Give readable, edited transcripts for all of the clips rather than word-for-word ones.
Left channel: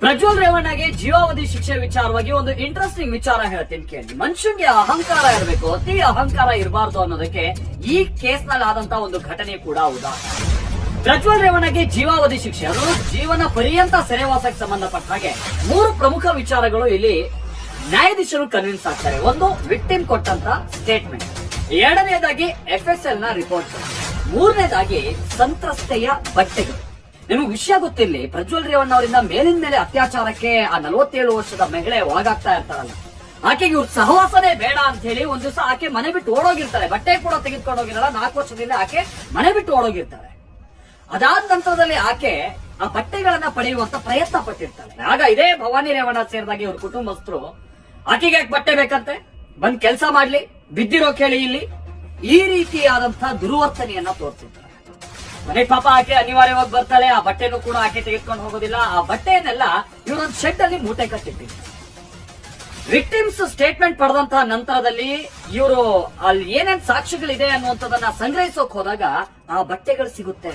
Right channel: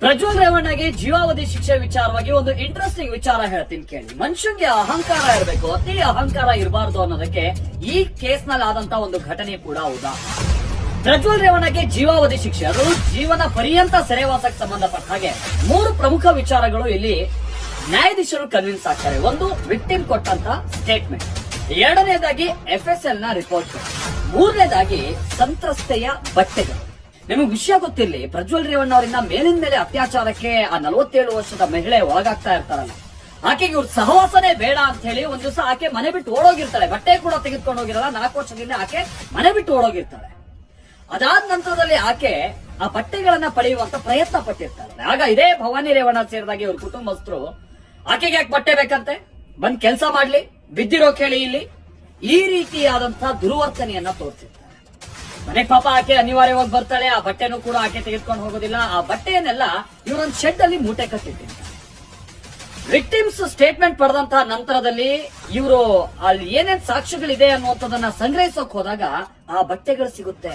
ಪ್ರಜ್ವಲ್ ರೇವಣ್ಣಗೆ ಜೀವಾವಧಿ ಶಿಕ್ಷೆ ವಿಚಾರವಾಗಿ ಒಂದು ಇಂಟ್ರೆಸ್ಟಿಂಗ್ ವಿಚಾರ ಹೇಳ್ತೀನಿ ಕೇಳಿ. ಮನುಷ್ಯನಿಗೆ ಅಹಂಕಾರ ಇರಬೇಕು, ಅತಿ ಅಹಂಕಾರ ಇರಬಾರ್ದು ಅನ್ನೋದಕ್ಕೆ ಈ ಕೇಸ್ ನಲ್ಲಿ ಆದಂತ ಒಂದು ಘಟನೆ ಕೂಡ ಉದಾಹರಣೆ. ಪ್ರಜ್ವಲ್ ರೇವಣ್ಣಗೆ ಜೀವಾವಧಿ ಶಿಕ್ಷೆ, ಅದು ಜೀವನ ಪರ್ಯಂತ ಸೆರೆವಾಸಕ್ಕೆ ಸಂಬಂಧಪಟ್ಟ ಹಾಗೆ 3 ಪ್ರಮುಖ ವಿಚಾರಗಳು ಇಲ್ಲಿ ನ್ಯಾಯಾಧೀಶರು ಕನ್ವಿನ್ಸ್ ಆಗ್ತಾರೆ. ಒಂದು, ವಿಕ್ಟಿಮ್ ಕೊಟ್ಟಂತ ಸ್ಟೇಟ್ಮೆಂಟ್. ಎರಡನೇದಾಗಿ FSL ನ ರಿಪೋರ್ಟ್. ಮೂರನೇದಾಗಿ ಸಂತ್ರಸ್ತೆಯ ಬಟ್ಟೆಗಳು. ನಿಮಗೆ ವಿಷಯ ಗೊತ್ತಿರಲಿ, ಪ್ರಜ್ವಲ್ ರೇವಣ್ಣ ಅವರಿಂದ ಮೇಲಿನ ಮೇಲೆ ಅತ್ಯಾಚಾರಕ್ಕೆ ಆ 47 ವರ್ಷದ ಮಹಿಳೆ ಒಳಗಾಗ್ತಾ ಇರ್ತಾರಲ್ಲ, ಆಕೆಗೆ ಇವ್ರ ಸಹವಾಸನೆ ಬೇಡ ಅಂತ ಹೇಳಿ ಒಂದ್ ದಿವಸ ಆಕೆ ಮನೆ ಬಿಟ್ಟು ಓಡೋಗಿರ್ತಾಳೆ. ಬಟ್ಟೆ ಕೂಡ ತೆಗೆದುಕೊಂಡು ಹೋಗಿರಲ್ಲ. 4 ವರ್ಷದಿಂದ ಆಕೆ ಮನೆ ಬಿಟ್ಟು ಓಡೋಗಿರ್ತಾಳೆ. ಅದಾದ ನಂತರದಲ್ಲಿ ಆಕೆ ಆ ಬಟ್ಟೆಗಳನ್ನ ಪಡೆಯುವಂತ ಪ್ರಯತ್ನ ಪಟ್ಟಿರ್ತಾಳೆ. ಆಗ ಇದೇ ಭವಾನಿ ರೇವಣ್ಣ ಸೇರಿದಾಗಿ ಇವ್ರ ಕುಟುಂಬಸ್ಥರು ಆಕೆಗೆ ಯಾಕೆ ಬಟ್ಟೆ ಬೇಕಂತೆ, ಬಂದ್ ಕೆಲಸ ಮಾಡ್ಲಿ, ಬಿದ್ದಿರೋ ಕೇಳಿ ಇಲ್ಲಿ, ಈ ರೀತಿಯಾದಂತಹ ದುರ್ವರ್ತನೆಯನ್ನ ತೋರಿಸಿದ್ದಾರೆ. ಮನೆ ಪಾಪ ಆಕೆ ಅನಿವಾರ್ಯವಾಗಿ ಬರ್ತಾಳೆ. ಆ ಬಟ್ಟೆನೂ ಕೂಡ ಆಕೆ ತೆಗೆದುಕೊಂಡು ಹೋಗೋದಿಲ್ಲ. ಆ ಬಟ್ಟೆಯನ್ನೆಲ್ಲ ಇವರೊಂದು ಶೆಡ್ ಅಲ್ಲಿ ಮೂಟೆ ಕಟ್ಟಿರ್ತಾರೆ. ವಿಕ್ಟಿಮ್ಸ್ ಸ್ಟೇಟ್ಮೆಂಟ್ ಪಡೆದಂತಹ ನಂತರದಲ್ಲಿ ಇವರು ಅಲ್ಲಿ ಏನೇನ್ ಸಾಕ್ಷ್ಯಗಳಿದೆ ಅನ್ನುವಂಥದ್ದನ್ನ ಸಂಗ್ರಹಿಸೋಕ್ ಹೋದಾಗ ಆ ಬಟ್ಟೆಗಳು ಸಿಗುತ್ತೆ.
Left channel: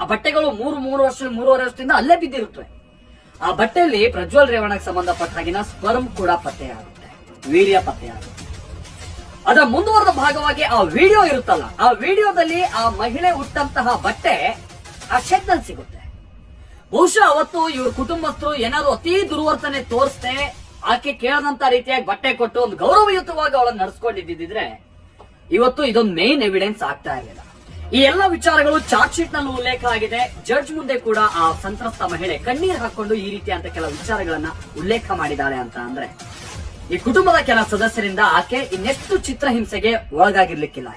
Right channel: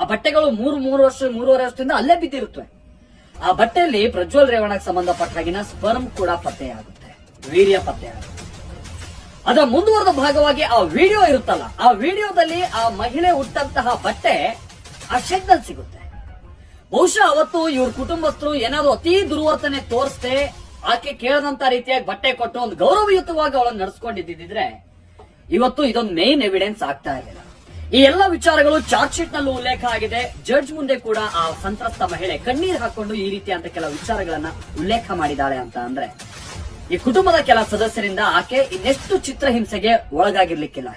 ಆ ಬಟ್ಟೆಗಳು 3-3.5 ವರ್ಷದಿಂದ ಅಲ್ಲೇ ಬಿದ್ದಿರುತ್ತವೆ. ಆ ಬಟ್ಟೆಯಲ್ಲಿ ಪ್ರಜ್ವಲ್ ರೇವಣ್ಣಗೆ ಸಂಬಂಧಪಟ್ಟಾಗಿನ ಸ್ಪರ್ಮ್ ಕೂಡ ಪತ್ತೆಯಾಗುತ್ತೆ, ವೀರ್ಯ ಪತ್ತೆಯಾಗುತ್ತೆ. ಅದರ ಮುಂದುವರೆದ ಭಾಗವಾಗಿ ಆ ವಿಡಿಯೋ ಇರುತ್ತಲ್ಲ, ಆ ವಿಡಿಯೋದಲ್ಲಿ ಆ ಮಹಿಳೆ ಉಟ್ಟಂತಹ ಬಟ್ಟೆ ಆ ಶೆಡ್ ನಲ್ಲಿ ಸಿಗುತ್ತೆ. ಬಹುಶಃ ಅವತ್ತು ಇವ್ರ ಕುಟುಂಬಸ್ಥರು ಏನಾದ್ರು ಅತಿ ದುರ್ವರ್ತನೆ ತೋರಿಸ್ದೆ ಆಕೆ ಕೇಳದಂತ ರೀತಿಯಾಗಿ ಬಟ್ಟೆ ಕೊಟ್ಟು ಒಂದು ಗೌರವಯುತವಾಗಿ ಅವಳನ್ನು ನಡೆಸ್ಕೊಂಡಿದ್ದಿದ್ರೆ ಇವತ್ತು ಇದೊಂದು ಮೇನ್ ಎವಿಡೆನ್ಸ್ ಆಗ್ತಾ ಇರಲಿಲ್ಲ. ಈ ಎಲ್ಲ ವಿಚಾರಗಳು ಚಾರ್ಜ್ ಶೀಟ್ ನಲ್ಲೂ ಉಲ್ಲೇಖ ಆಗಿದೆ. ಜಡ್ಜ್ ಮುಂದೆ ಕೂಡ ಆ ಸಂತ್ರಸ್ತ ಮಹಿಳೆ ಕಣ್ಣೀರು ಹಾಕೊಂಡು ಈ ರೀತಿಯಂತ ಕೆಲವು ವಿಚಾರಗಳನ್ನ ಉಲ್ಲೇಖ ಮಾಡಿದ್ದಾಳೆ ಅಂತ ಅಂದ್ರೆ ಈ ಕುಟುಂಬದ ಕೆಲ ಸದಸ್ಯರಿಂದ ಆಕೆ ಇನ್ನೆಷ್ಟು ಚಿತ್ರಹಿಂಸೆಗೆ ಒಳಗಾಗಿರ್ಲಿಕ್ಕಿಲ್ಲ.